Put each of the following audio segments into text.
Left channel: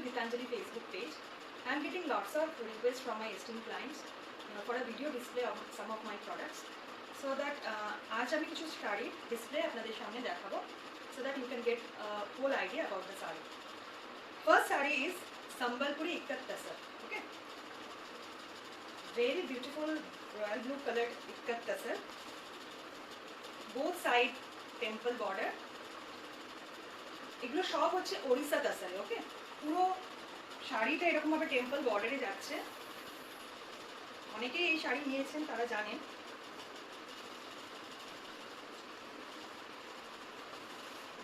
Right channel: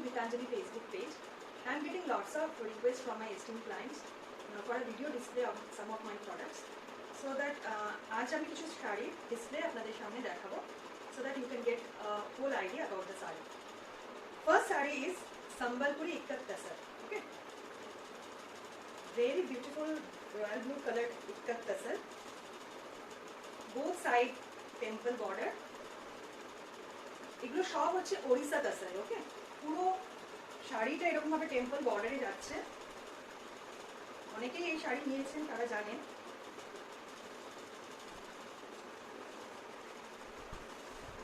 to Gitanjali Facebook page. I am getting lots of requests from my esteemed clients for a video display of some of my products. So that aaj ami kichu shari display apnader samne dekhabo so that you can get a whole idea about the sari. First sari is Sambalpuri Ikkat Tasar. Okay, very beautiful royal blue colored Ikkat Tasar. Both side temple border. এগুলো সব হচ্ছে ওড়িশা তাসার। ওকে, পুরো শাড়িটা এরকম ভাবে টেম্পল বর্ডারে যাচ্ছে। অনেকেই এই শাড়ি নিয়েছেন, তারা জানেন।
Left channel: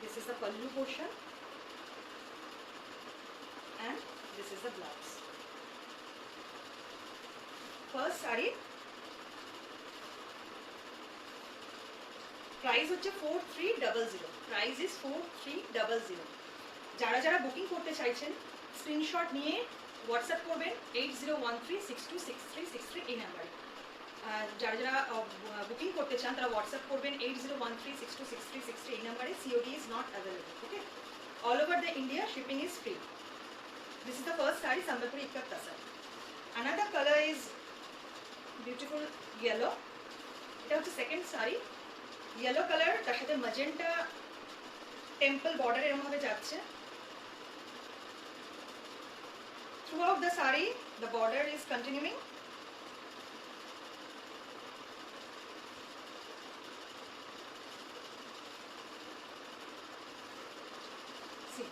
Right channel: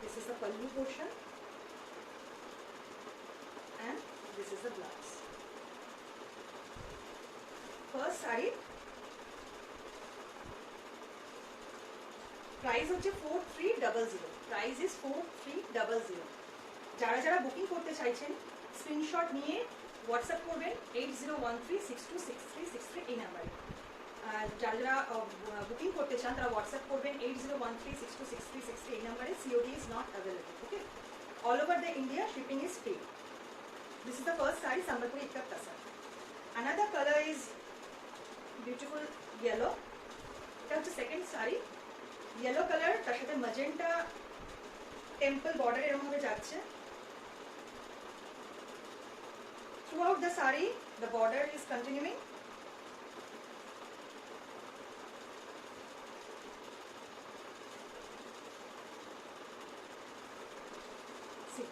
This is the pallu portion and this is the blouse. First saree price হচ্ছে 4300। Price is 4300। যারা যারা বুকিং করতে চাইছেন স্ক্রিনশট নিয়ে হোয়াটসঅ্যাপ করবেন 8013626363 এই নাম্বারে। যারা যারা বুকিং করতে চান তারা হোয়াটসঅ্যাপ করবেন 8013626363 এই নাম্বারে। COD is not available. Okay, all over the India shipping is free. This is the first sari সম্বলপুরি ইক্কাত তাসার। Another colour is beautiful yellow. এটা হচ্ছে সেকেন্ড শাড়ি। ইয়েলো কালার, তার সাথে ম্যাজেন্টা টেম্পল বর্ডার এরকম ভাবে যাচ্ছে। Throughout the saree, the border is continuing. See,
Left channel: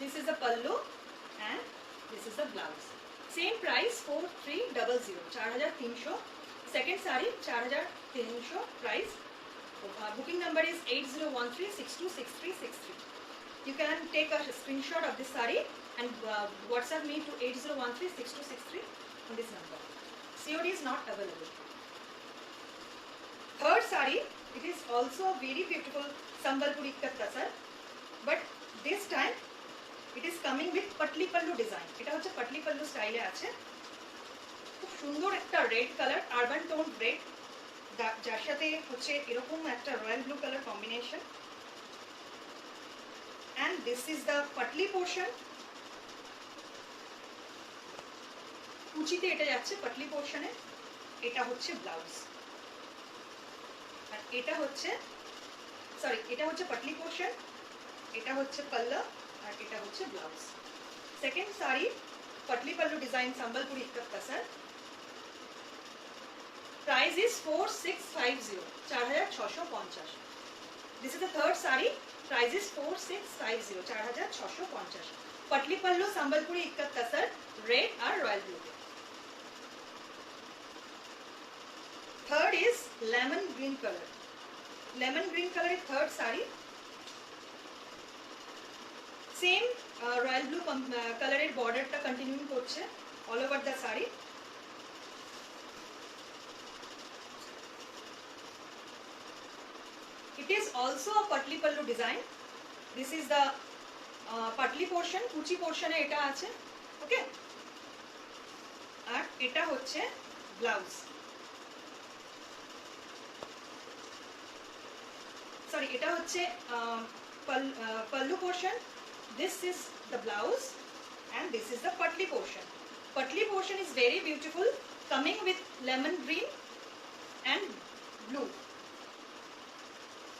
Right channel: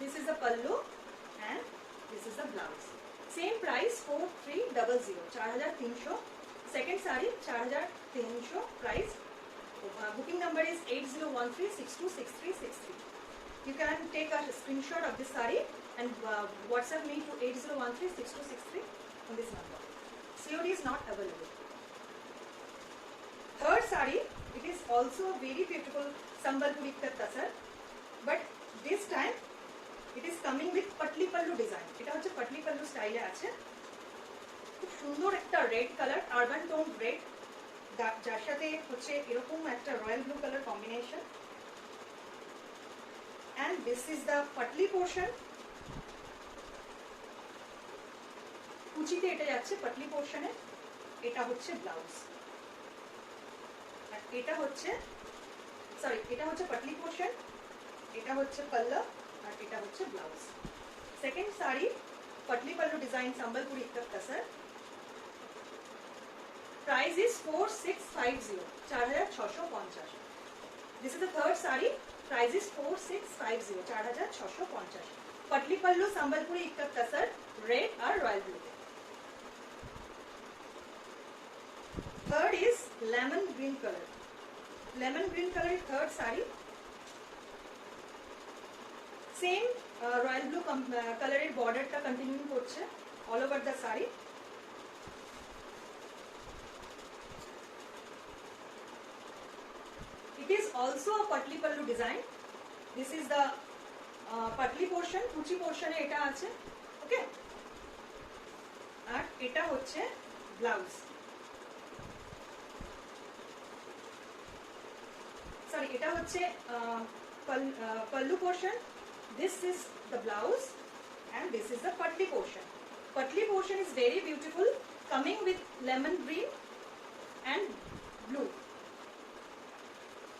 this is the pallu and this is the blouse. Same price 4300, 4300. Second saree 4300 price. Booking number is 8013626363. You can take a screenshot of this saree and WhatsApp me to 80136263 on this number. COD is not available. Third saree, it is also a very beautiful Sambalpuri Ikkat Tasar, but this time it is coming with patli pallu design. এটা হচ্ছে patli pallu স্টাইলে আছে। খুব সুন্দর একটা red colour, urban tone red, যার সাথে হচ্ছে এরকম একটা royal blue colour combination. and this is the patli portion. কুচিতে এটা যাচ্ছে patli portion এ। এটা হচ্ছে ব্লাউজ আর এটা হচ্ছে এটা হচ্ছে patli portion, এটা হচ্ছে পাল্লা আর এটা হচ্ছে blouse. Second sari patli pallu design Sambalpuri Ikkat Tasar. Price is 4650, 4650. This is the third saree. Price is 4650, 4650. Patli pallu Sambalpuri Ikkat Tasar, red or royal blue. Third is lemon green color. Lemon green color is third saree. Same royal blue color এর বর্ডারটা কন্টিনিউ করছে all over the saree. It is also a patli pallu design. This is the patli portion, kuchi portion e eta ache. Okay, আর এটা হচ্ছে blouse. Sorry, এটা হচ্ছে pallu portion. This is the blouse and this is the patli portion. Patli portion is very beautiful, coming with lemon green and blue.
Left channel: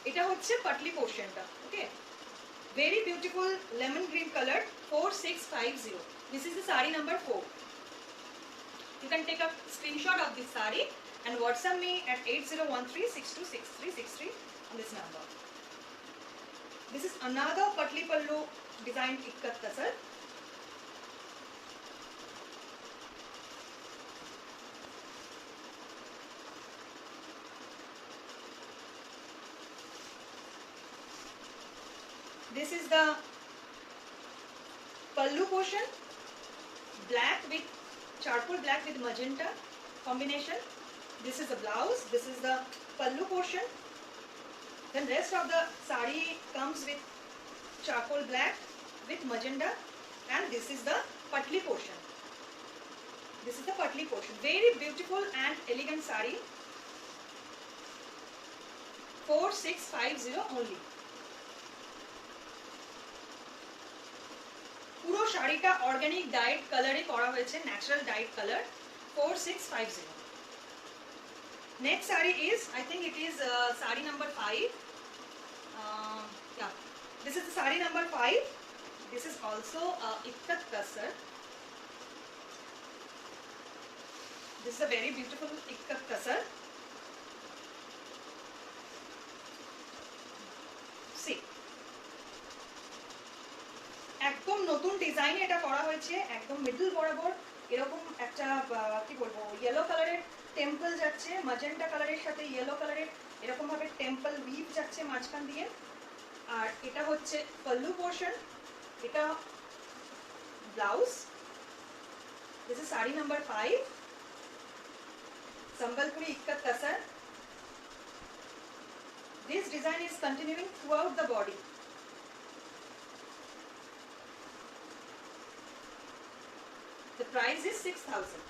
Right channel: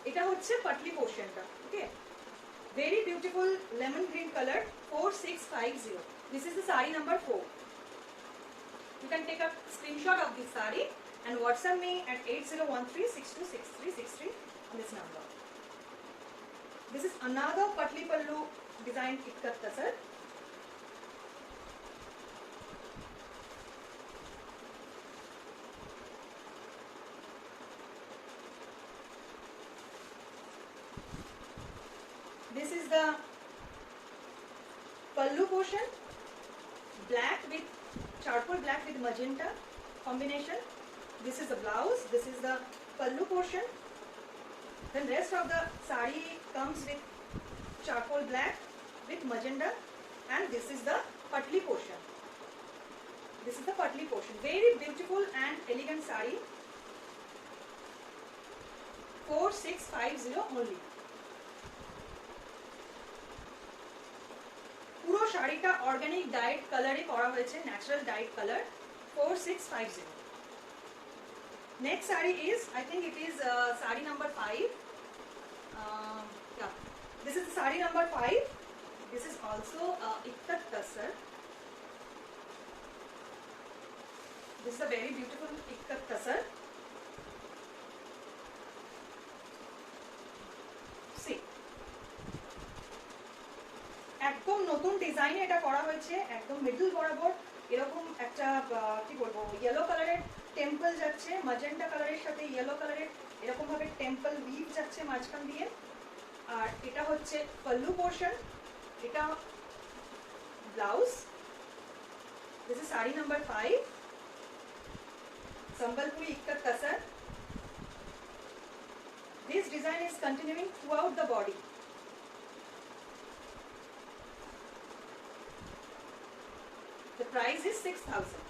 এটা হচ্ছে patli portion টা। ওকে, very beautiful lemon green color, 4650. This is the saree number 4. You can take a screenshot of this saree and WhatsApp me at 8013626363 on this number. This is another patli pallu design Ikkat Tasar. This is the pallu portion, black with charcoal black with magenta combination. This is the blouse. This is the pallu portion. Then rest of the saree comes with charcoal black with magenta, and this is the patli portion. This is the patli portion. Very beautiful and elegant saree. 4650 only. শাড়িটা organic diet কালারে করা হয়েছে, natural diet colour, 4650. Next saree is, I think it is saree number 5. Yeah, this is the saree number 5. This is also ikkat tasar. This is a very beautiful ikkat tasar. See, একদম নতুন ডিজাইনে এটা করা হয়েছে, একদম মিডল বরাবর এরকম একটা কি বলবো ইয়েলো কালারের টেম্পল যাচ্ছে, ম্যাজেন্টা কালারের সাথে ইয়েলো কালারের এরকম ভাবে টেম্পল উইভ যাচ্ছে মাঝখান দিয়ে। আর এটা হচ্ছে পল্লু পোর্শন, এটা ব্লাউজ। দিস ইজ শাড়ি নাম্বার 5, সম্বলপুরি ইক্কত তাসার। This design is continuing throughout the body. The price is 6,000.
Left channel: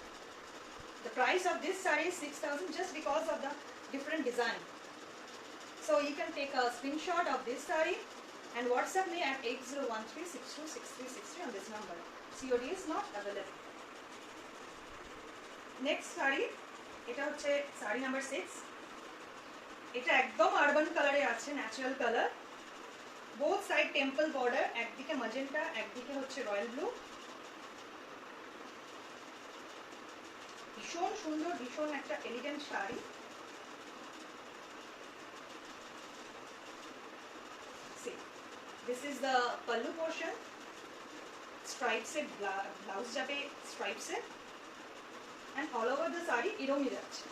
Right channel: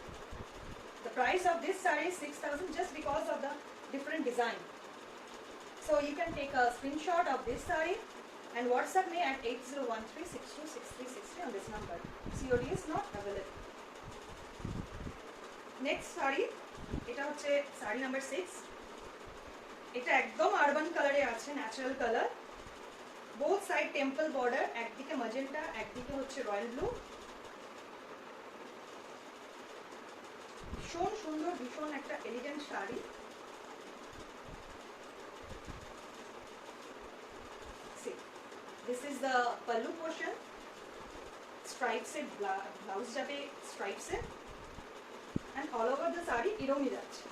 The price of this saree is 6,000 just because of the different design. So you can take a screenshot of this saree and WhatsApp me at 8013626363 on this number. COD is not available. Next saree, এটা হচ্ছে saree number 6. এটা একদম urban কালারে আছে, natural colour, both side temple border, একদিকে magenta একদিকে হচ্ছে royal blue. ভীষণ সুন্দর, ভীষণ একটা elegant sari. This is the pallu portion, stripes এ ব্লাউজ যাবে স্ট্রাইপস এ, and all over the saree এরকমই যাচ্ছে,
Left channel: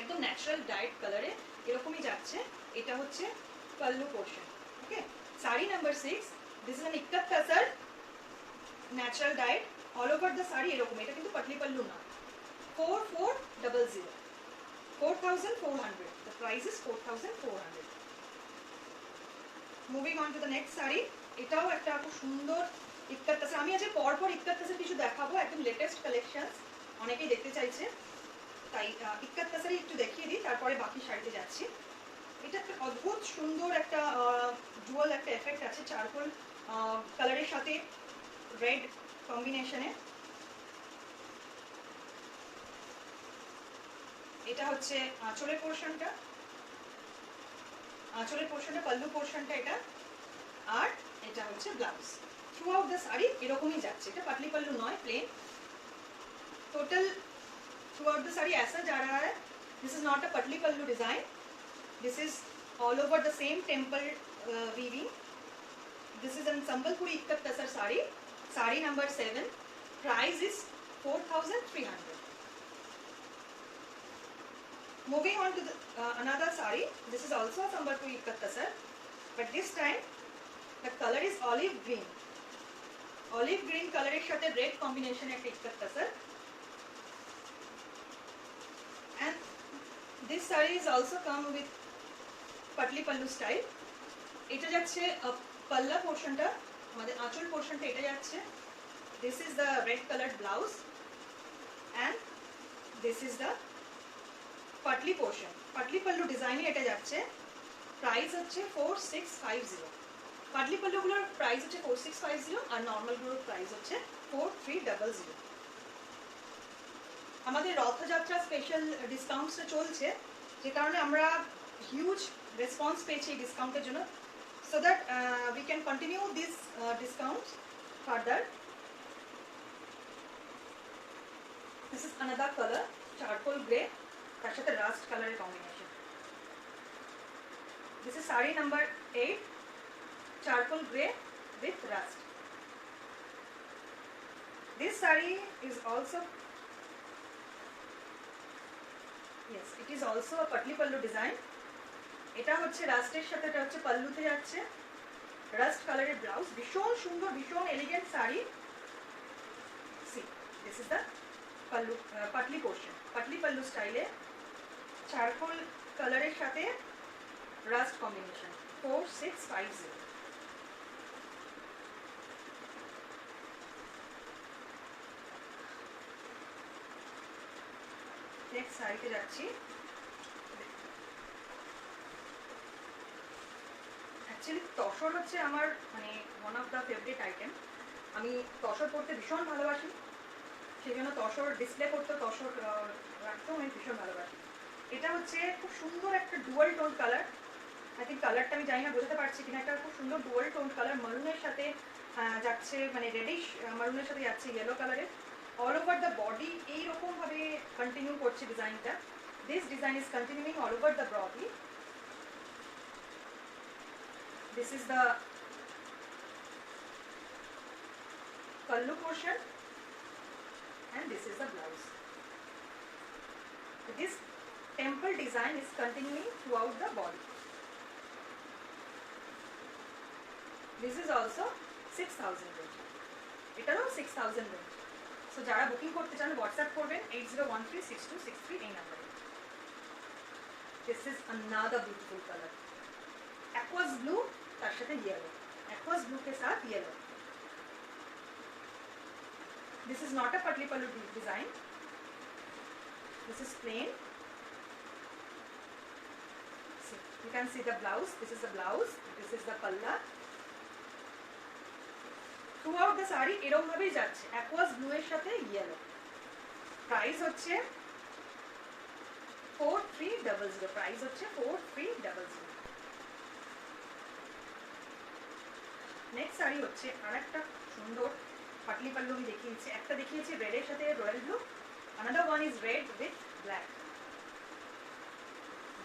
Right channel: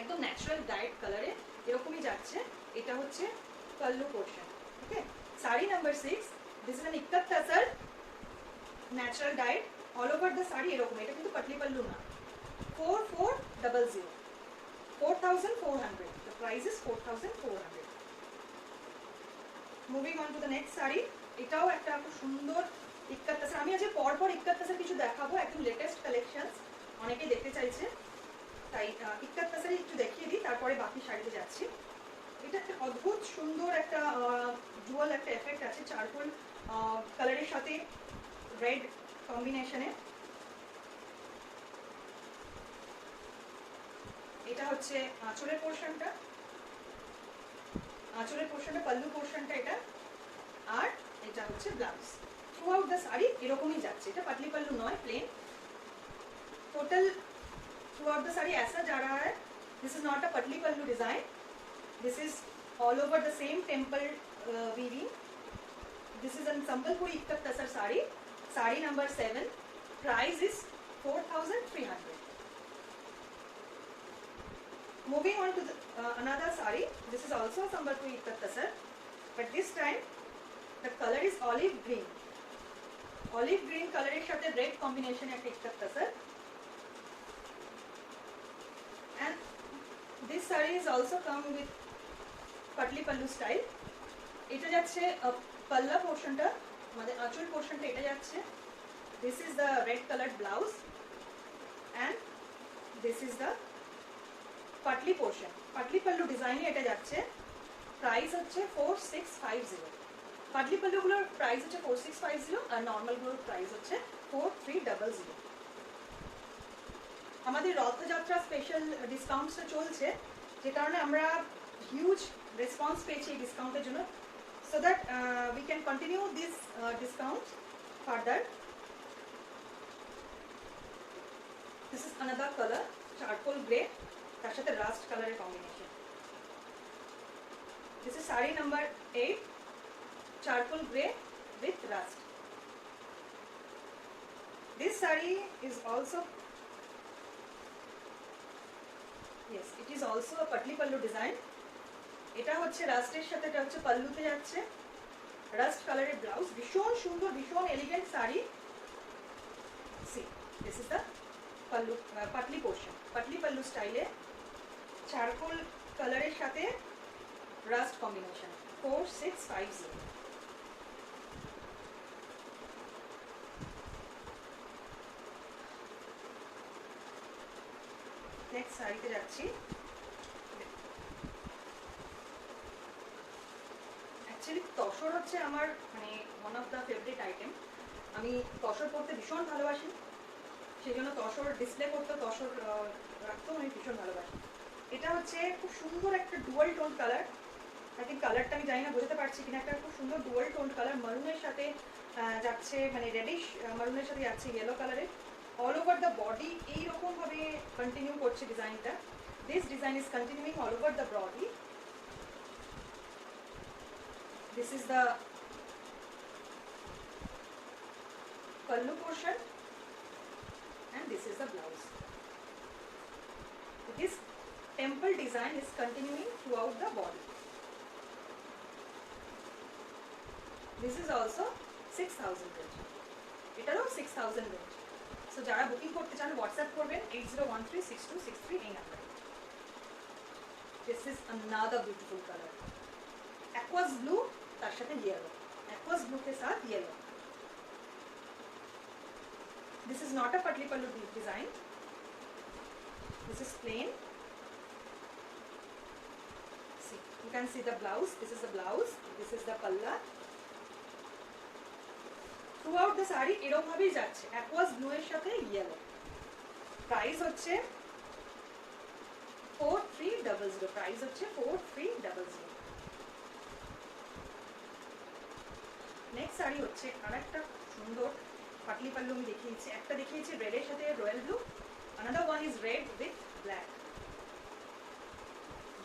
একদম ন্যাচারাল ডায়েট কালারে এরকমই যাচ্ছে। এটা হচ্ছে pallu portion. ওকে, শাড়ি নাম্বার 6, this is an ikkat tasar natural dyed all over the saree এরকম। এটা কিন্তু পাটলি পাল্লু না। 4400, 4400. The price is 4400. Moving on to the next saree. এটাও একটা খুব সুন্দর ইক্কাত তাসার। আমি আজকে পরপর ইক্কাত তাসার কিছু দেখাবো, একদম লেটেস্ট কালেকশনস, অনেকেই দেখতে চাইছে, তাই ইক্কাত তাসারই একটু দেখিয়ে দিই, তারপরে বাকি শাড়িতে যাচ্ছি। এটা একটা অদ্ভুত সুন্দর একটা ডুয়াল একটা এফেক্ট আছে, চারকোল কালারের সাথে রেড কম্বিনেশনে। এটা হচ্ছে আঁচলের পোর্শনটা, আঁচলের পোর্শনটা, পাল্লু পোর্শনটা এটা, আর এটা হচ্ছে blouse. Throughout the sari এরকমই যাচ্ছে, এটা পাতলি পাল্লু নয়, plain. Total throughout the sari ऐसा जा रहा है। This is not a patli pallu design, this is all over the same temple weaving. This is an Sambalpuri ikat tussar sari, sari number 7, price is 4300. Moving on to the, another saree. This is also a Sambalpuri ikkat tasar, but this time the color is olive green. Olive green color এর সাথে red combination একটা ikkat tasar, and this saree is also come with patli pallu style. এটা যাচ্ছে পাল্লা পোর্শনটা, আমাদের আঁচল পোর্শনটা এটা যাচ্ছে। This is the red colored blouse and this is the Patli portion. Patli পাল্লু ডিজাইনে এটা যাচ্ছে, প্রাইস হচ্ছে 4650। পাটলি পাল্লুগুলোর প্রাইস হচ্ছে 4650 আর নর্মালগুলোর প্রাইস হচ্ছে 4300। আমাদের রথযাত্রা স্পেশাল ডিসকাউন্টসটা চলছে, যে কারণে আমরা হিউজ রেসপন্স পেয়েছি এই ডিসকাউন্টের জন্য, so that we can continue this discount further. This is another colour, charcoal grey, তার সাথে রাস্ট কালারের combination. This is sari number 8, charcoal grey with rust. This sari is also, yes, it is also a patli pallu design. এটা হচ্ছে রাস্টের সাথে, এটা হচ্ছে পাল্লুতে যাচ্ছে, রাস্ট কালারের ব্লাউজ। ভীষণ সুন্দর, ভীষণ elegant sari. See, this is the pallu, patli portion, patli pallu স্টাইলে চারকোল কালারের সাথে রাস্ট কম্বিনেশন, 4650। নেক্সট শাড়িতে যাচ্ছি। অ্যাকচুয়ালি তসর হচ্ছে আমার মানে one of the favourite item. আমি তসর পরতে ভীষণ ভালোবাসি, সেই জন্য তসর ডিসপ্লে করতে, তসর রাখতেও আমি ভীষণ ভালোবাসি। এটা হচ্ছে খুব সুন্দর একটা dual tone colour. I think কালারটা আমি জানি না বোঝাতে পারছি কিনা, একটা খুব সুন্দর ডুয়াল টোন কালার, মারুনের সাথে যাচ্ছে, মানে রেডিশ মারুনের সাথে যাচ্ছে ইয়েলো কালারের। অল ওভার দ্য বডি এইরকম ভাবে কন্টিনিউ করছে ডিজাইনটা। This design is continuing all over the body. This is the pallu portion and this is the blouse. This temple design is continuing throughout the body. This is also 6000 range. এটারও 6000 range. So যারা বুকিং করতে চান হোয়াটসঅ্যাপ করবেন 80136263 এই নাম্বারে। This is another beautiful color. Aqueous blue তার সাথে yellow. Aqueous blue के साथ yellow. This is not a patli pallu design. This is plain. See, you can see the blouse. This is the blouse. This is the palla. Throughout the saree এরকম ভাবেই যাচ্ছে, aqueous blue এর সাথে yellow. Price হচ্ছে 4300. Price হচ্ছে 4300. নেক্সট শাড়ি হচ্ছে আরেকটা সুন্দর পাটলি পাল্লু আমি দেখিয়েছি। একটা দেখিয়েছি রেডের সাথে royal blue, another one is red with black.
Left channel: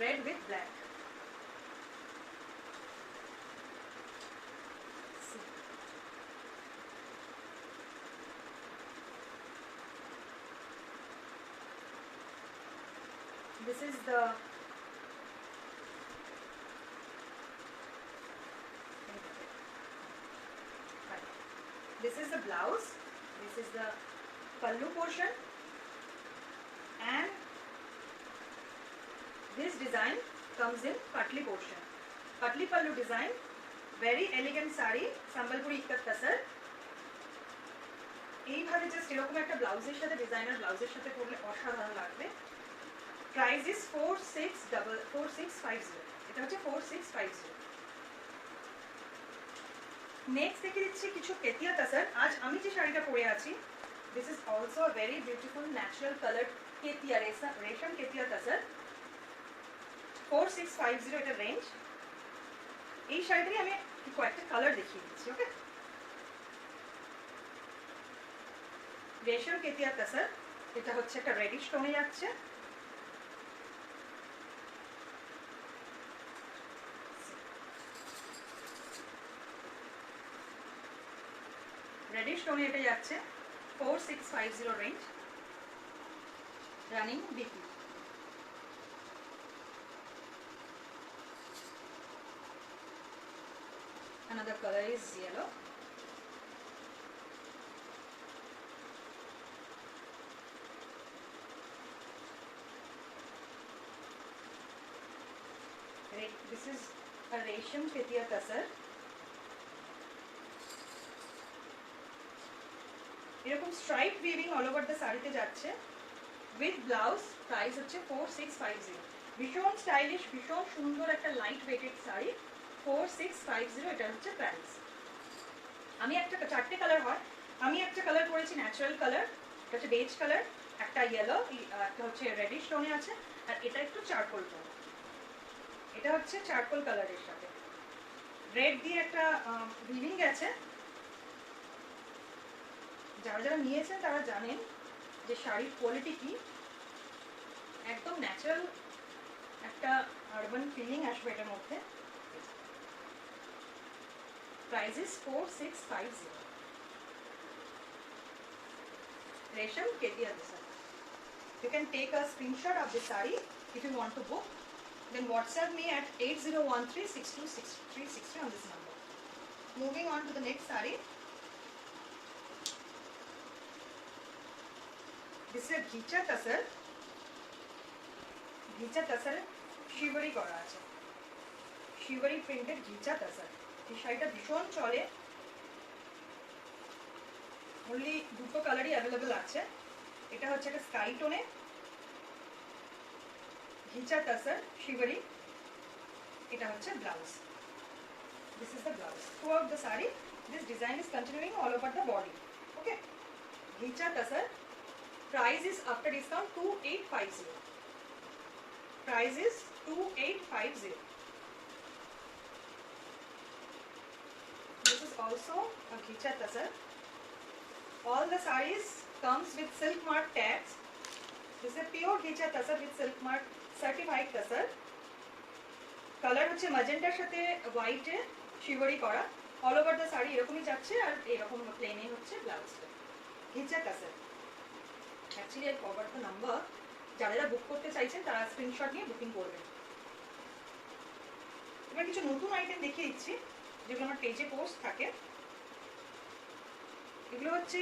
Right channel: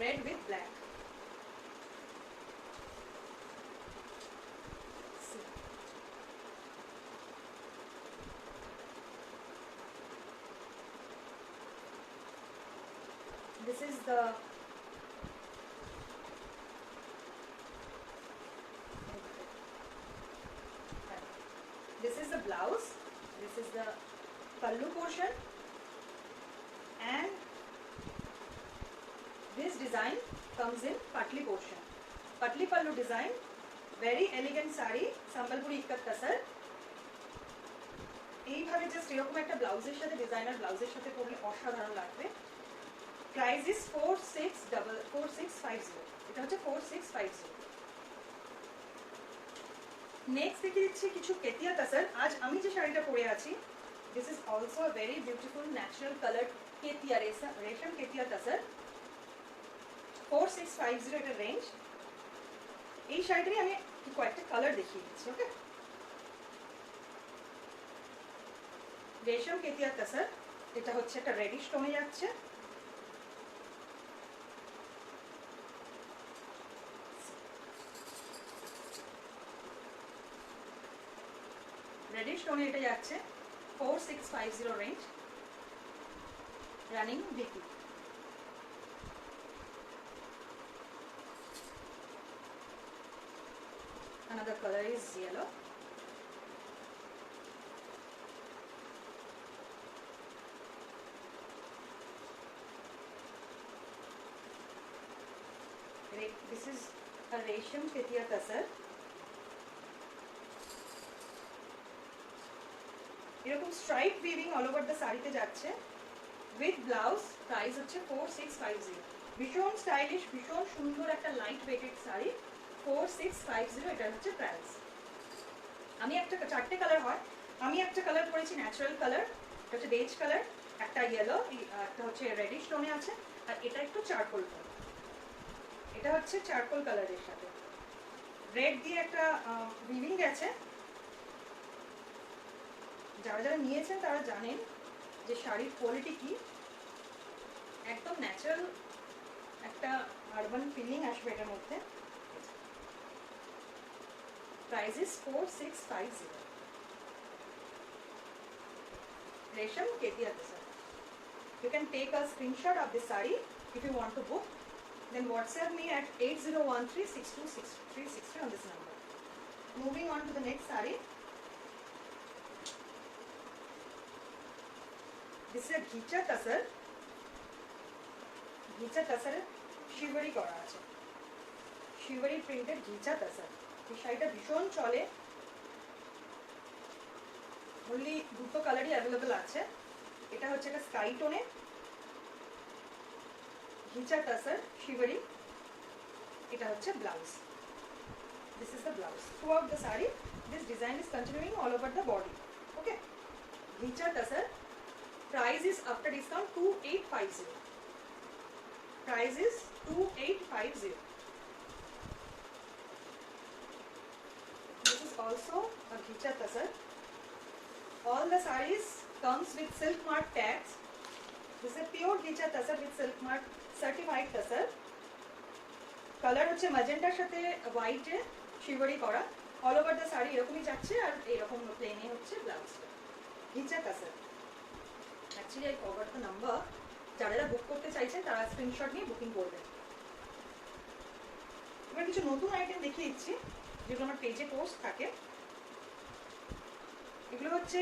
Red with black. See. This is the this is the blouse, this is the pallu portion, and this design comes in patli portion. Patli pallu design, very elegant saree, sambalpuri ikat tasar. এইভাবে জাস্ট এরকম একটা ব্লাউজের সাথে, ডিজাইনার ব্লাউজের সাথে পরলে অসাধারণ লাগবে। Price is 4650। এটা হচ্ছে 4650। নেক্সট দেখে দিচ্ছি কিছু কেতিয়া তাসার। আজ আমি যে শাড়িটা পরে আছি, this is also a very beautiful natural colour কেতিয়া, রেশম কেতিয়া তাসার। 4650 এটা রেঞ্জ। এই শাড়িটারই আমি কয়েকটা কালার দেখিয়ে দিচ্ছি। ওকে, রেশম কেতিয়া তাসার, এটা হচ্ছে একটা রেডিশ টোনে যাচ্ছে। রেডিশ টোনে এটা যাচ্ছে 4650 range, running BP. Another color is yellow. This is a resham ketia tasar. এরকম stripe weaving all over the শাড়িতে যাচ্ছে উইথ ব্লাউজ। প্রাইস হচ্ছে 4650। ভীষণ স্টাইলিশ, ভীষণ সুন্দর একটা লাইট ওয়েটেড শাড়ি। 4650 এটা হচ্ছে প্রাইস। আমি একটা চারটে কালার হয়, আমি একটা কালার পরেছি ন্যাচারাল কালার, এটা হচ্ছে বেজ কালার, একটা ইয়েলো, একটা হচ্ছে রেডিশ টোনে আছে, আর এটা একটু চারকোল টোন। এটা হচ্ছে চারকোল কালারের সাথে রেড দিয়ে একটা উইভিং গেছে। যারা যারা নিয়েছেন তারা জানেন যে শাড়ির কোয়ালিটি কি, একদম ন্যাচারাল একটা আরবান ফিলিং আসবে এটার মধ্যে। Price is 4650। রেশম কেতিয়া tasar. You can take a screenshot of the saree if you want to book. Then WhatsApp me at 8013626360 on this number. Moving on to the next saree. This is a ghicha tasar. Ghicha tasar শিবরি করা আছে, শিবরি প্রিন্টেড গিচা তাসার। এই শাড়িটা ভীষণ চলে, অনলি দুটো কালারই অ্যাভেলেবেল আছে। এটা হচ্ছে একটা স্কাই টোনে গিচা তাসার শিবরি, এটা হচ্ছে blouse. This is the blouse. Throughout the saree, this design is continuing all over the body. Okay. Ghicha Tasar. Price is after discount 2850. Price is 2850. This is also a Ghicha Tasar. All the sarees comes with silk mark tags. This is a pure Ghicha Tasar with silk mark certified Tasar. Color হচ্ছে ম্যাজেন্টার সাথে হোয়াইটে শিভরি করা। All over the sari এরকমই যাচ্ছে আর এরকম প্লেনে হচ্ছে ব্লাউজটা। Ghicha Tasar. Actually I forgot the number. যারা বুক করতে চাইছেন তারা স্ক্রিনশট নিয়ে বুকিং করবেন। এবার কিছু নতুন আইটেম দেখিয়ে দিচ্ছি যেগুলো আমার পেজে পোস্ট থাকে। এগুলো হচ্ছে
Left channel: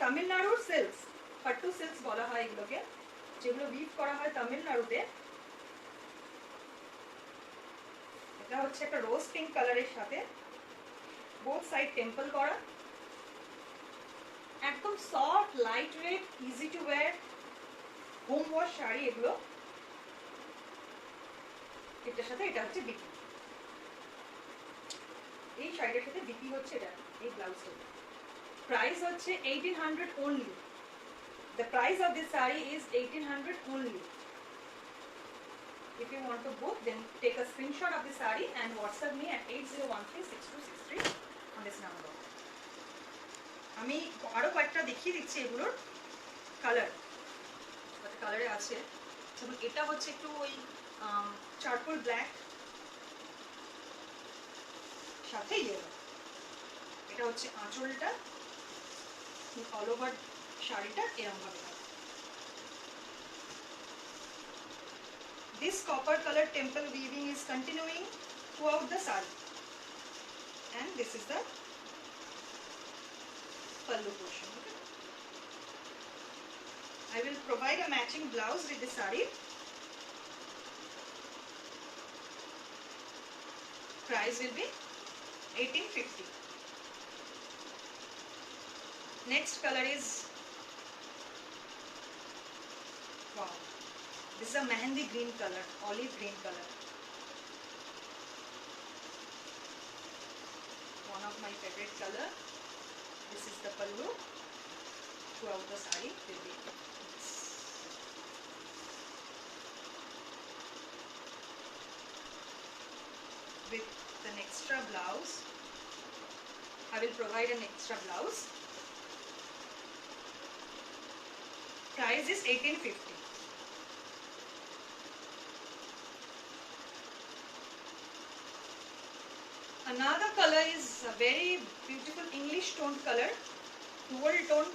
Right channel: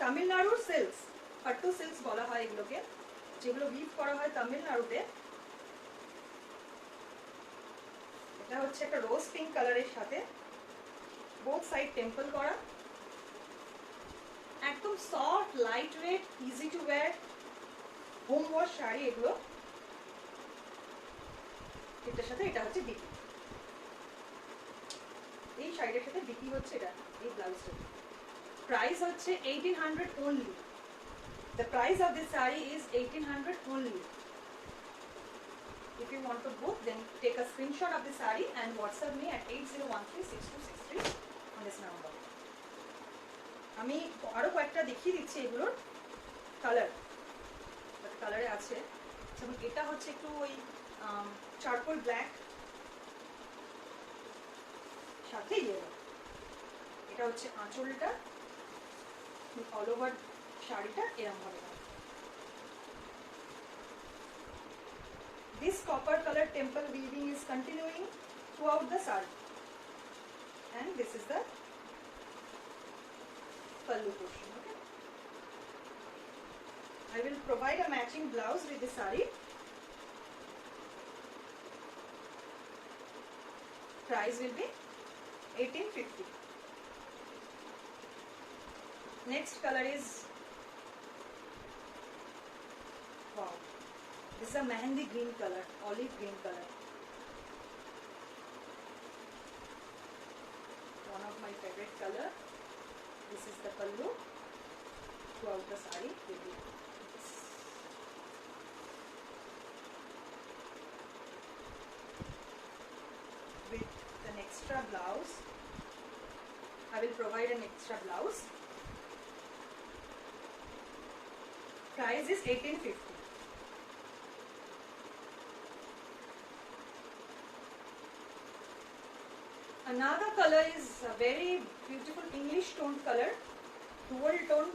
তামিলনাড়ুর সিল্কস, পাট্টু সিল্কস বলা হয় এগুলোকে, যেগুলো উইভ করা হয় তামিলনাড়ুতে। এটা হচ্ছে একটা রোজ পিঙ্ক কালারের সাথে বোথ সাইড টেম্পল করা, একদম soft light weight easy to wire home wash sari এগুলো। এটার সাথে এটা হচ্ছে ডিপি, এই শাড়িটার সাথে ডিপি হচ্ছে এটা, এই ব্লাউজটা। প্রাইস হচ্ছে 1800 only. The price of this saree is 1800 only. If you want to book, then take a screenshot of the saree and WhatsApp me at 80136263 on this number. আমি আরো কয়েকটা দেখিয়ে দিচ্ছি এগুলোর কালার, কালারে আছে। যেমন এটা হচ্ছে একটু ওই চারকোল ব্ল্যাক সাথে ইয়েলো। এটা হচ্ছে আঁচলটা, অল ওভার শাড়িটা এরকম ভাবে। This copper color temple weaving is continuing throughout the saree, and this is the pallu portion. Okay? I will provide a matching blouse with the saree. Price will be 1850. Next color is, wow, this is a mehendi green color, olive green color. One of my favorite color. This is the pallu. Throughout the saree will be this. With an extra blouse, I will provide an extra blouse. Price is 1850. Another color is a very beautiful English toned color, dual tone.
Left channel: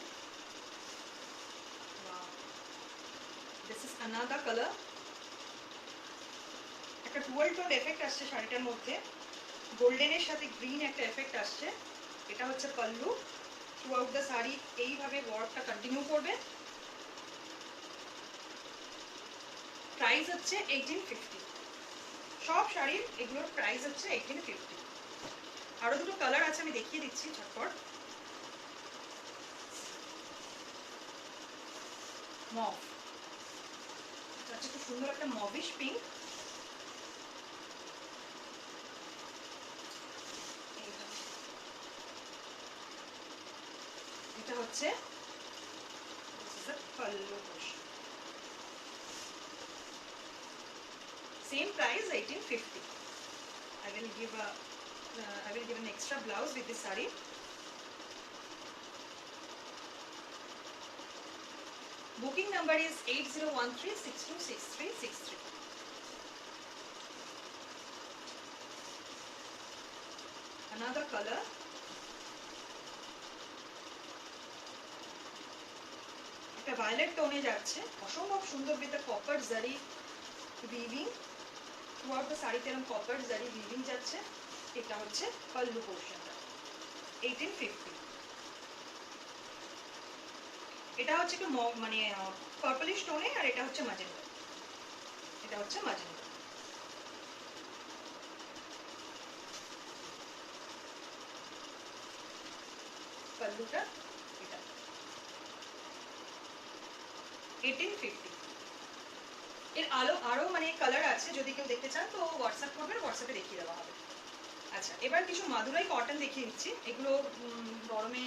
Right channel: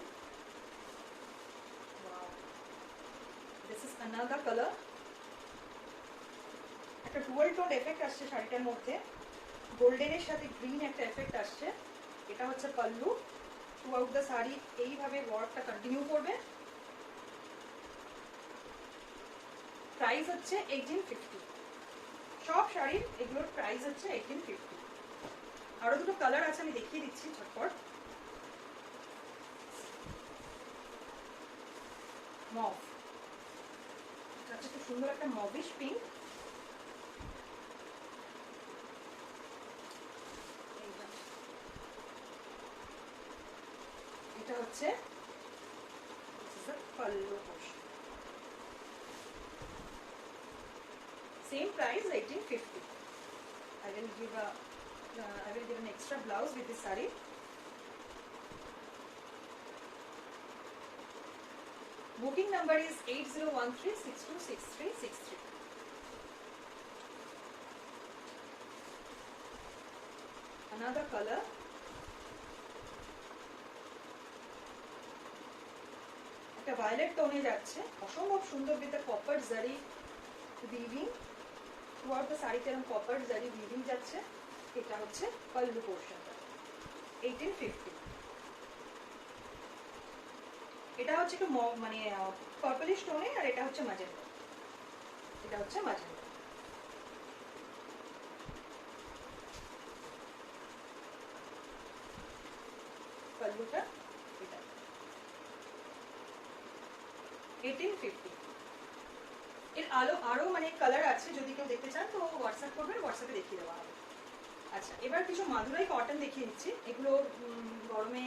Wow. This is another color. একটা dual tone effect আসছে শাড়িটার মধ্যে, গোল্ডেনের সাথে গ্রিন একটা এফেক্ট আসছে। এটা হচ্ছে পাল্লু। থ্রুআউট দ্য শাড়ি এইভাবে ওয়ার্কটা কন্টিনিউ করবে। প্রাইস হচ্ছে 1850। সব শাড়ির এগুলোর প্রাইস হচ্ছে 1850। আরো দুটো কালার আছে, আমি দেখিয়ে দিচ্ছি ঝটপট। মভ, এটা হচ্ছে খুব সুন্দর একটা মভিশ পিঙ্ক। এটা হচ্ছে pallu portion. Same price 1850. I will give an extra blouse with this saree. Booking number is 8013626363. Another color. একটা ভায়োলেট টোনে যাচ্ছে, অসম্ভব সুন্দর with the copper zari weaving throughout the শাড়িতে এরকম copper zari weaving যাচ্ছে। এটা হচ্ছে পাল্লু পোরশনটা 1850। এটা হচ্ছে একটু মানে পার্পলিশ টোনে, আর এটা হচ্ছে ম্যাজেন্টা। এটা হচ্ছে ম্যাজেন্টা। পাল্লুটা এটা 1850। এর আরো মানে কালার আছে, যদি কেউ দেখতে চান তো হোয়াটসঅ্যাপ করবেন, হোয়াটসঅ্যাপে দেখিয়ে দেওয়া হবে। আচ্ছা, এবার কিছু মাদুরাই কটন দেখিয়ে দিচ্ছি। এগুলো গরমে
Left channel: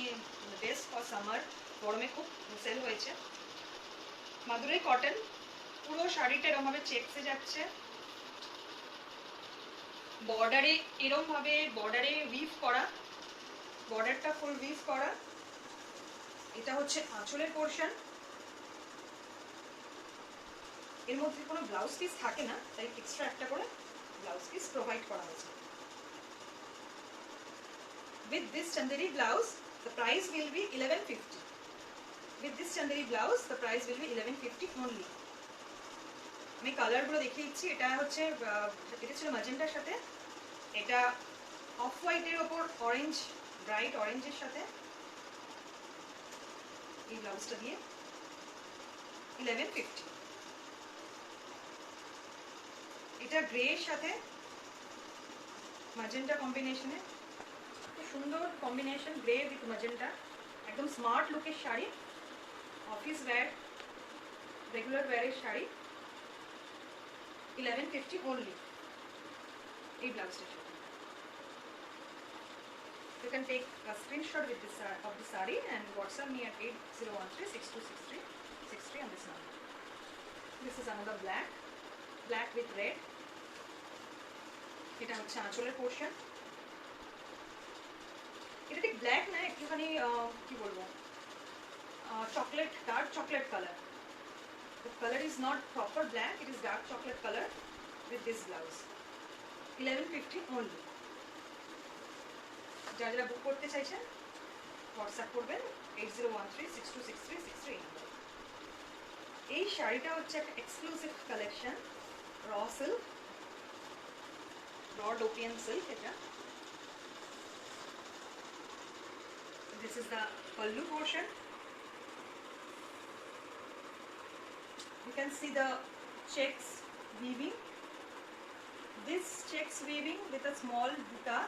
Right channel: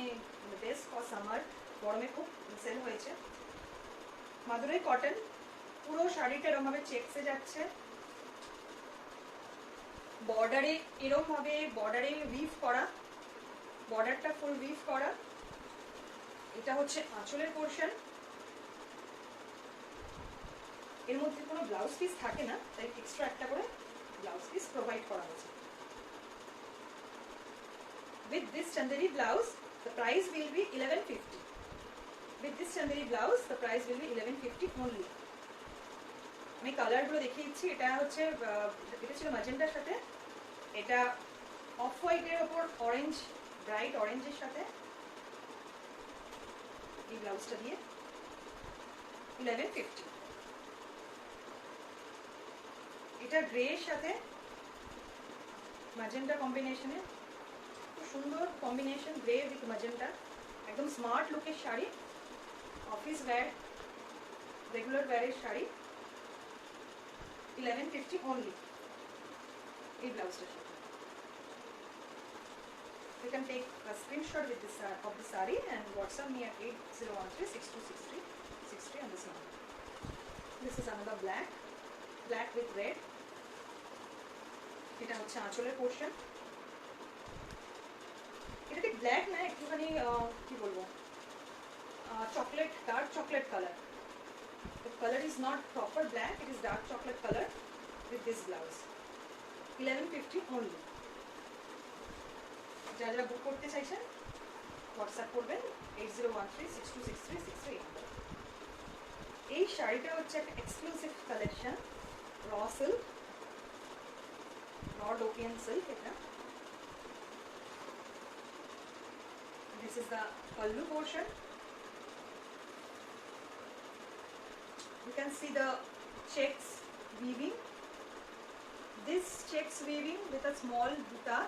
বেস্ট ফর সামার, গরমে খুব সেল হয়েছে। মাদুরাই কটন, পুরো শাড়িটা এরকমভাবে চেকসে যাচ্ছে, বর্ডারে এরকমভাবে বর্ডারে উইভ করা, বর্ডারটা ফুল উইভ করা। এটা হচ্ছে আঁচলের পোর্শন। এর মধ্যে কোনো ব্লাউজ পিস থাকে না, তাই এক্সট্রা একটা করে ব্লাউজ পিস প্রোভাইড করা হয়েছে। With this chanderi blouse, the price will be 1150. With this chanderi blouse, the price will be 1150 only. আমি কালারগুলো দেখিয়ে দিচ্ছি। এটা হচ্ছে এটা ছিল ম্যাজেন্টার সাথে, এটা অফ হোয়াইটের ওপর অরেঞ্জ, ব্রাইট অরেঞ্জের সাথে এই ব্লাউজটা দিয়ে 1150। এটা গ্রে এর সাথে ম্যাজেন্টা কম্বিনেশনে, খুব সুন্দর কম্বিনেশন, গ্রে উইথ ম্যাজেন্টা, একদম স্মার্ট লুকের শাড়ি, অফিস ওয়্যার, রেগুলার ওয়্যারের শাড়ি, 1150 only এই ব্লাউজটার সাথে। You can take a screenshot with this of the saree and WhatsApp me at 8013626363 on this number. This is another black with red. এটা হচ্ছে আঁচলের পোর্শন। এটা ঠিক ব্ল্যাক না, একটুখানি কি বলবো, chocolate, dark chocolate colour. The color is not proper black, it is dark chocolate color with this blouse. 1150 only. যারা যারা বুক করতে চাইছেন হোয়াটসঅ্যাপ করবেন 8013626363 নাম্বার। এই শাড়িটা হচ্ছে একটা এক্সক্লুসিভ কালেকশন, র সিল্ক, র ডোপিয়ান সিল্ক। এটা this is the pallu portion. You can see the checks weaving, this checks weaving with a small buta,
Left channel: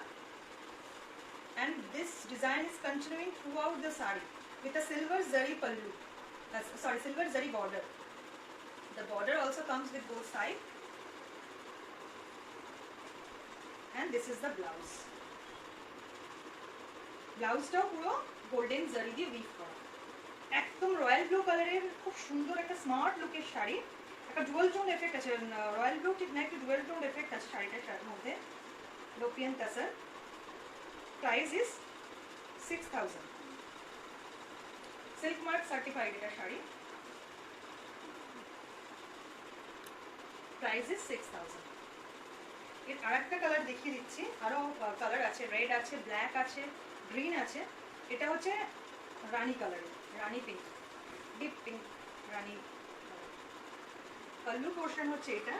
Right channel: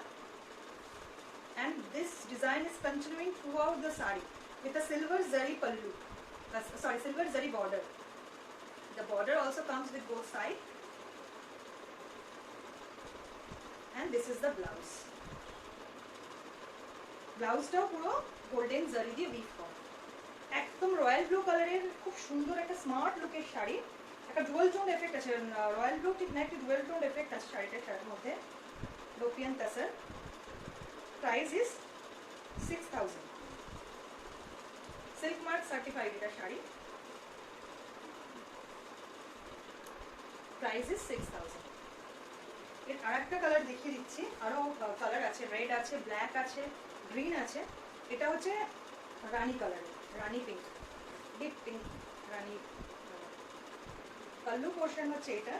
and this design is continuing throughout the saree with a silver zari pallu, silver zari border. The border also comes with both sides, and this is the blouse. ব্লাউজটাও পুরো গোল্ডেন জারি দিয়ে উইভ করা, একদম royal blue কালারের খুব সুন্দর একটা স্মার্ট লুকের শাড়ি। একটা ডুয়াল টোন এফেক্ট আছে, রয়্যাল ব্লু ঠিক না, একটু ডুয়াল টোন এফেক্ট আছে শাড়িটার মধ্যে। লোপিয়ান tussar, price is 6000, silk mark certified এটা শাড়ি, প্রাইস ইজ 6000। এর আর একটা কালার দেখিয়ে দিচ্ছি, আরো কালার আছে, রেড আছে, ব্ল্যাক আছে, গ্রিন আছে। এটা হচ্ছে রানী কালার, রানী পিঙ্ক, ডিপ পিঙ্ক রানী কালার। পাল্লু পোর্শন হচ্ছে এটা।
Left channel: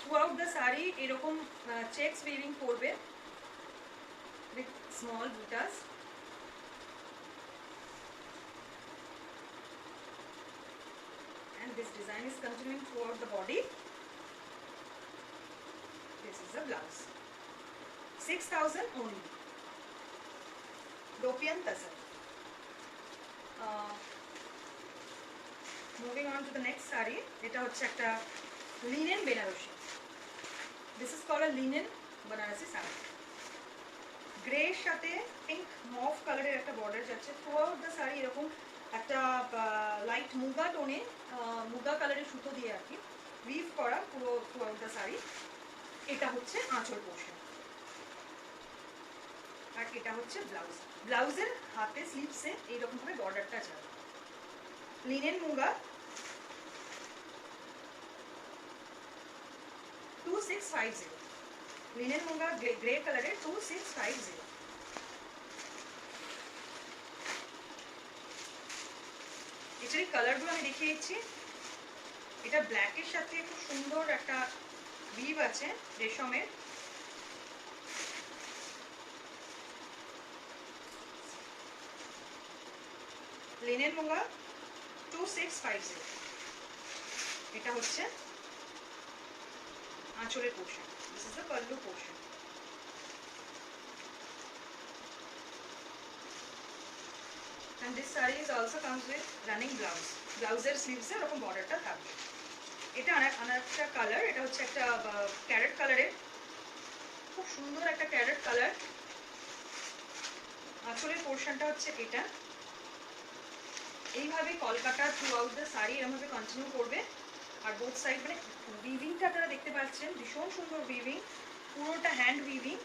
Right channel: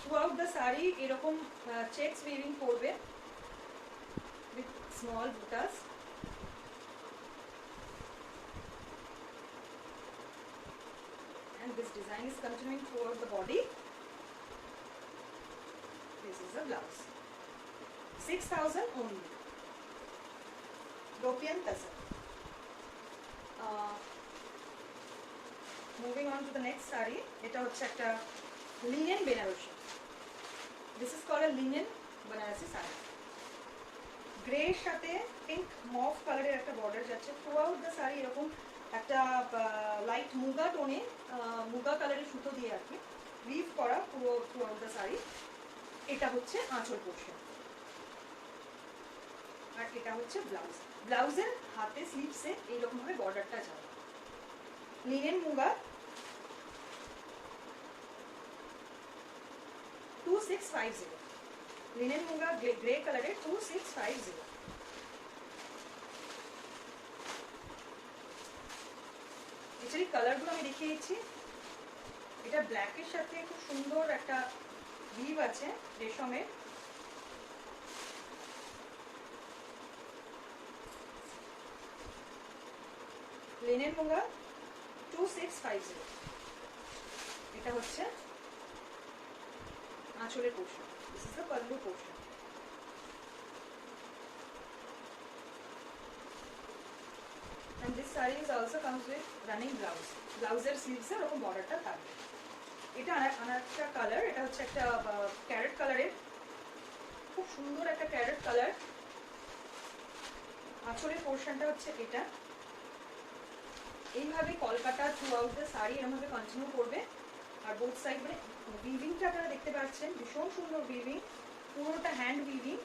থ্রু আউট দ্য শাড়ি এরকম চেকস উইভিং করবে উইথ স্মল বুটাস। And this design is continuing throughout the body. This is the blouse. 6000 only. Dopian Tasar. Moving on to the next saree. Eta hocche ekta linen Benarasi. This is called a linen Banarasi saree. Grey এর সাথে pink mauve কালারের একটা বর্ডার যাচ্ছে। Throughout the sari এরকম একটা লাইট মুগা টোনে, মুগা কালারের সুতো দিয়ে আর কি উইভ করা পুরো থ্রুআউট দ্য শাড়ি। এটা হচ্ছে আঁচল পোর্শন, আর এটা হচ্ছে ব্লাউজ। ব্লাউজের হাতে স্লিভসে এইরকম ভাবে বর্ডারটা যাবে। লিনেন মুগা, 2650। লিনেন মুগা গ্রে কালারের 2650। এছাড়া কালারগুলো আমি দেখিয়ে দিচ্ছি। এটা ব্ল্যাকের সাথে খুব সুন্দর একটা উইভ আছে রেশমের। লিনেন মুগা 2650। এটা হচ্ছে আঁচলের portion, this is the pallu portion. and this saree is also comes with running blouse. ব্লাউজের স্লিভসে এরকম বর্ডারটা থাকবে। এটা আরেকটা কালার, এটা হচ্ছে একটা ক্যারেট কালারের, খুব সুন্দর একটা ক্যারেট কালার। আঁচলের পোর্শনটা হচ্ছে এটা। এইভাবে Kolkata through out the sari এরকমভাবে কন্টিনিউ করবে। আর বোথ সাইড মানে উইভিংটা আপনারা দেখতে পাচ্ছেন, ভীষণ সুন্দর উইভিং, পুরোটা hand weaving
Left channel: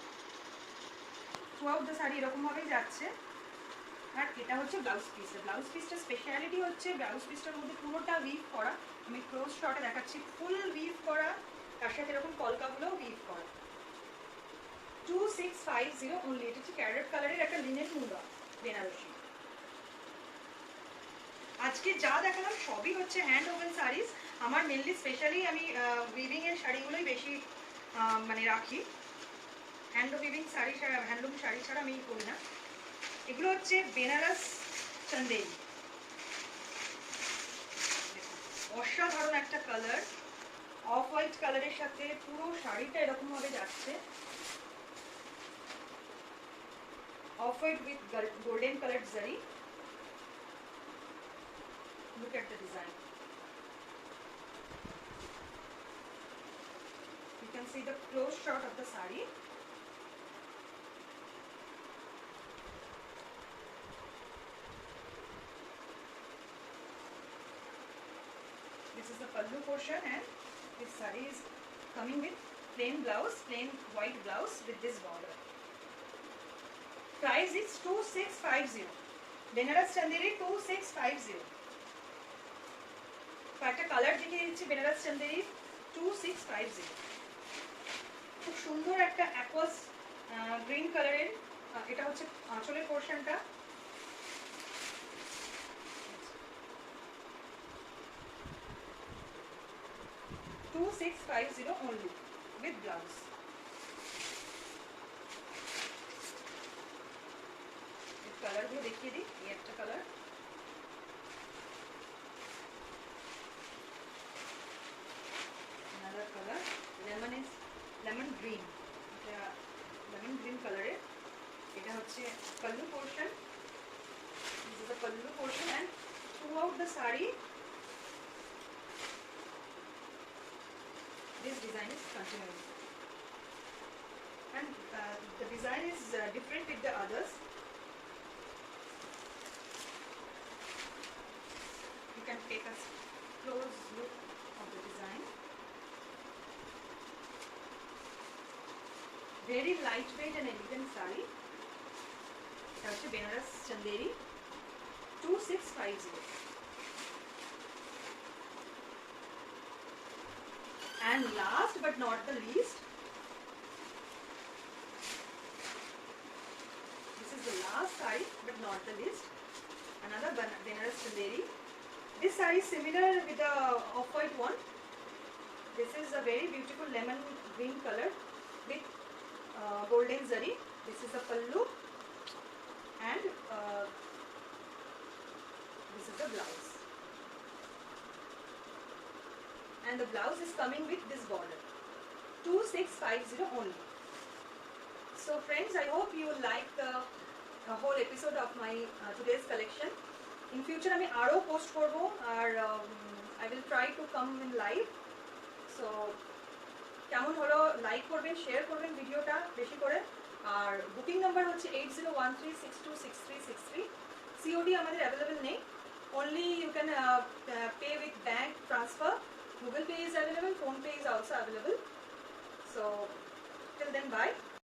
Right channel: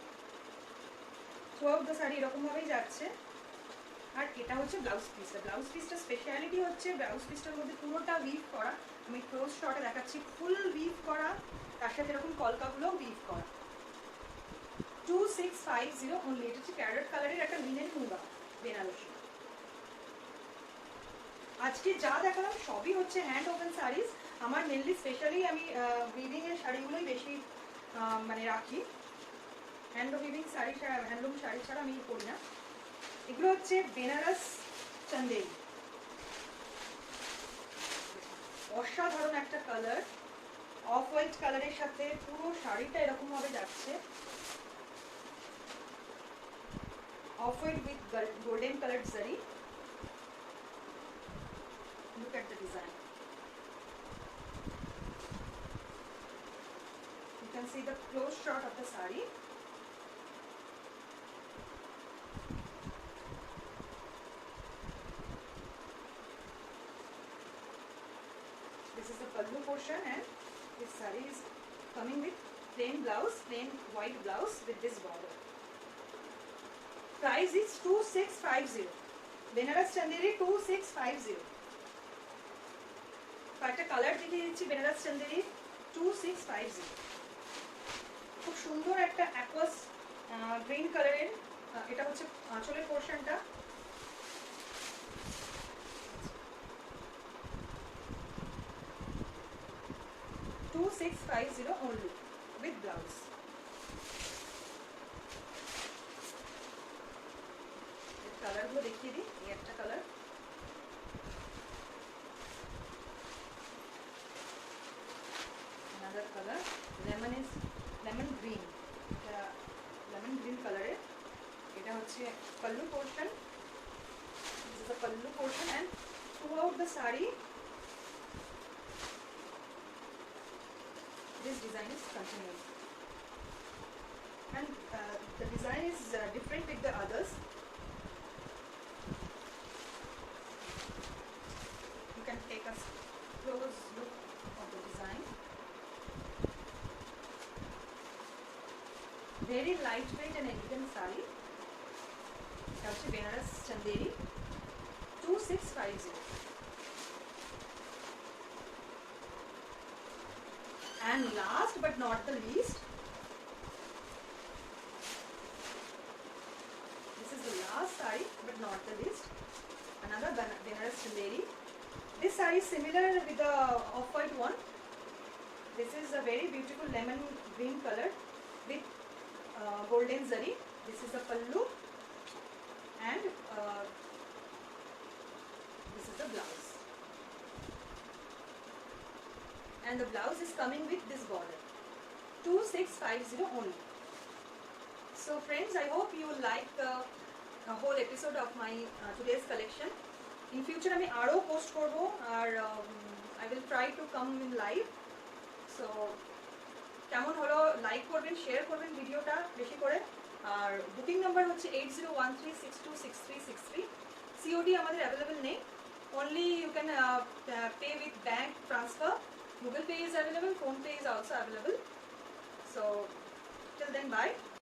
through out the sari এরকমভাবেই যাচ্ছে। আর এটা হচ্ছে ব্লাউজ পিসটা। ব্লাউজ পিসটা স্পেশালিটি হচ্ছে ব্লাউজ পিসটার মধ্যে পুরোটা উইভ করা। আমি ক্লোজ শটে দেখাচ্ছি, ফুল উইভ করা, তার সাথে এরকম কলকাগুলো উইভ করা। 2650 অনলি। এটা হচ্ছে ক্যারেট কালারের একটা লিনেন মুগা বেনারসি। আজকে যা দেখালাম সবই হচ্ছে হ্যান্ড ওভেন শাড়িজ। আমার মেনলি স্পেশালি আমি উইভিং এর শাড়িগুলোই বেশি মানে রাখি। হ্যান্ড উইভিং শাড়ি ছাড়া, হ্যান্ডলুম শাড়ি ছাড়া আমি করি না। এগুলো হচ্ছে বেনারস চন্দেরি, অসাধারণ একটা কালার, অফ হোয়াইট কালারের সাথে পুরো শাড়িটা এরকম ভাবে যাচ্ছে। Off white with golden colour জারি। Look at the design. You can see the close shot of the saree. This is the pallu portion, and this saree is coming with plain blouse, plain white blouse with this border. Price is 2650. Benaras Chanderi 2650. একটা কালার দেখিয়ে দিচ্ছি বেনারস চন্দেরি 2650। খুব সুন্দর একটা aqueous green কালারের। এটা হচ্ছে আঁচলের পোর্শনটা। $2650 only with blouse. কালারগুলো দেখিয়ে দিই। এই একটা colour, another color, lemon green, এটা lemon green কালারের। এটা হচ্ছে pallu portion. This is the pallu portion, and throughout the saree this design is continuing, and the design is different with the others. You can take a close look of the design. Very lightweight and elegant saree. এটা হচ্ছে বেনারস চন্দেরি 2650. And last but not the least, this is the last saree but not the least, another Benaras Chanderi. This saree is similar with the off-white one. This is a very beautiful lemon green color with golden zari. This is the pallu, and this is the blouse. And the blouse is coming with this border. 2650 only. So friends, I hope you will like the whole episode of my today's collection. In future আমি আরো পোস্ট করব, আর I will try to come in live. So কেমন হলো লাইক করবেন, শেয়ার করবেন ভিডিওটা বেশি করে। আর বুকিং নাম্বার হচ্ছে 8013626363। COD আমাদের অ্যাভেলেবল নেই, only you can pay with bank transfer. Google Pay is available, Phone Pay is also available. So till then, bye.